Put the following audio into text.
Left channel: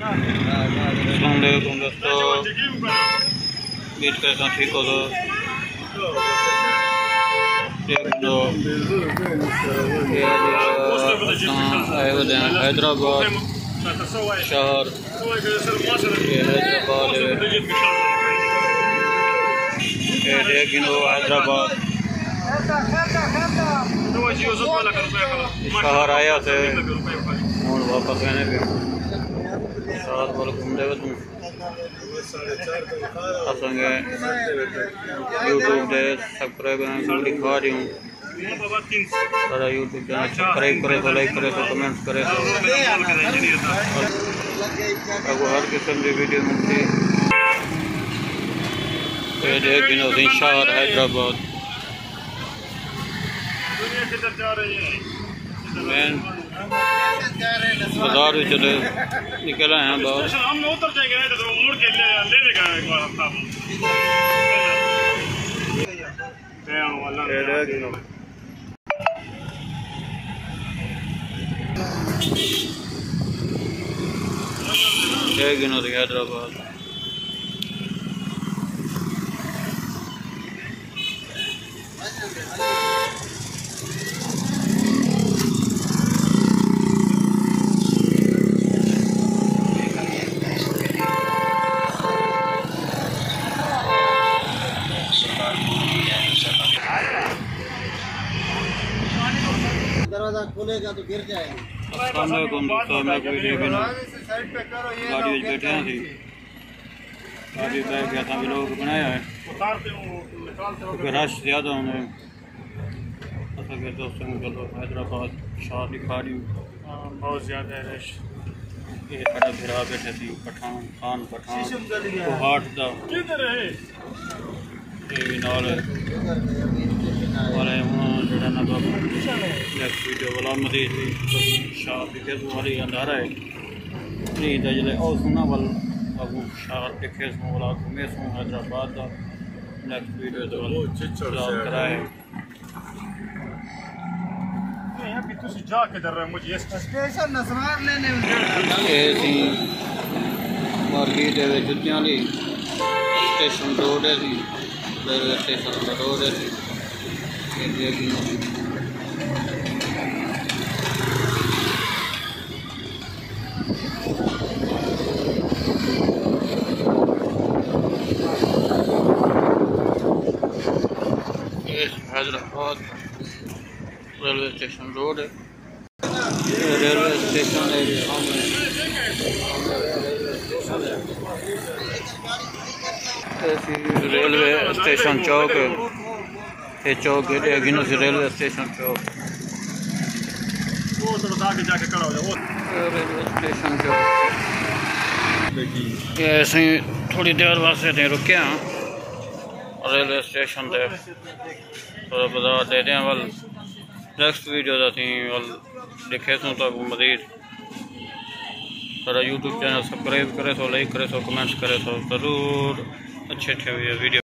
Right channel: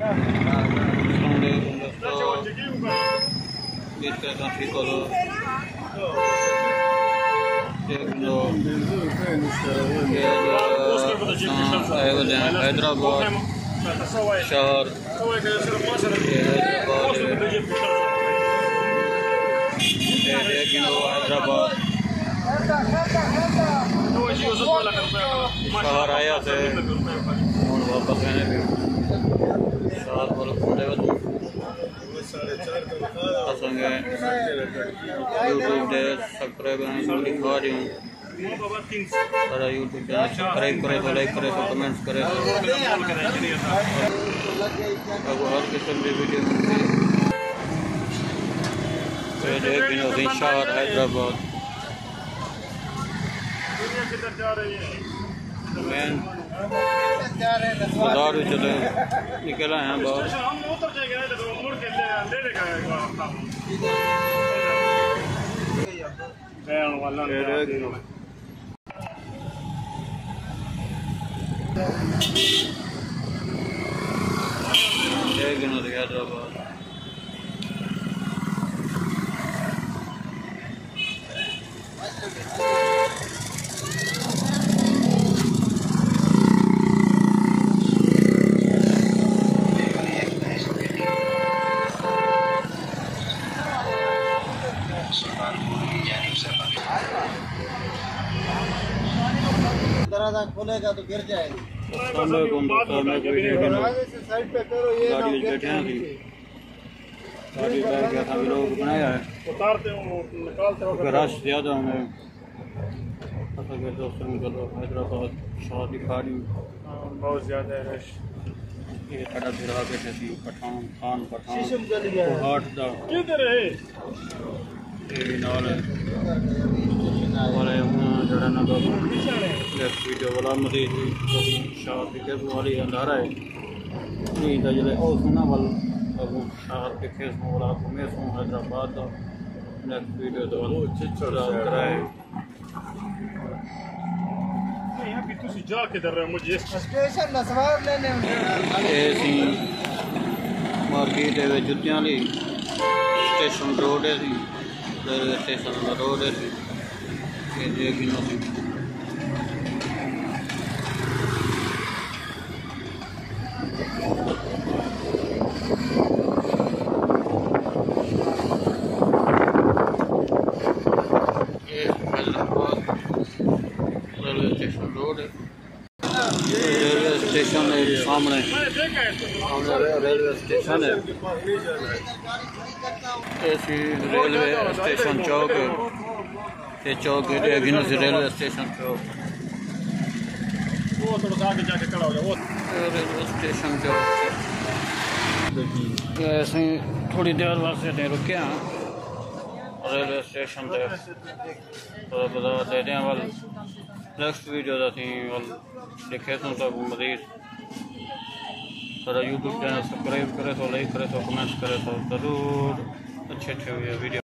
अस्सलामुअलैकुम दोस्तों, बीच कैसा ठीक हो तो आए हुए हैं हैदराबाद शहर। ये हैदराबाद हैदराबाद शहर आया थे और वापस आने पे साथ वालों घूमते हुए असंगे यूट्यूब पे सब्सक्राइब दिखा रही हूँ। सारा यूट्यूब चैनल सब्सक्राइब करे तो लाइक करे तो कमेंट्स करे तो आपको हर किस्म की वीडियो मिलती है। शहर हैदराबाद मेन बाजार भी चले निकल आए हैं बाहर। हैदराबाद खोलेगा तो गिर जाएगा। गाड़ी बैठे हैं गाड़ी बैठ गया था लोग बनाया है रश ज़्यादा उन्हें दोस्तों हैदराबाद शाह दिखा रही हूँ बहुत ज़्यादा रश। ये बड़ा भिड़ा बैठे थी पठान खान पठान हाट का वीडियो वाला मरीज शाह दिखे वाली अंधारा है नहीं जले और सुना वाल अबू शाह दिखे वाला घूमे सो हैदराबाद का नेक्स्ट वीडियो तो कराए मार्केट जुत्तियां स्टेशन रोड है रेलवे स्टेशन रोड है हैदराबाद रेलवे स्टेशन रोड है। रेलवे स्टेशन है सामने रेलवे स्टेशन है। ऐसी रेलवे स्टेशन चौक है ये चौक है रेलवे स्टेशन चौक रेलवे स्टेशन चौक ऐसे ही थोड़ी देर वास्ते रुके हैं रेलवे स्टेशन पे थोड़ा बाजार दे दें वाल नेक्स्ट वीडियो वाल दिखे तो मजीद सारा यूट्यूब चैनल सब्सक्राइब करे तो लाइक करे तो कमेंट्स करे तो ज़रूर अच्छे वीडियो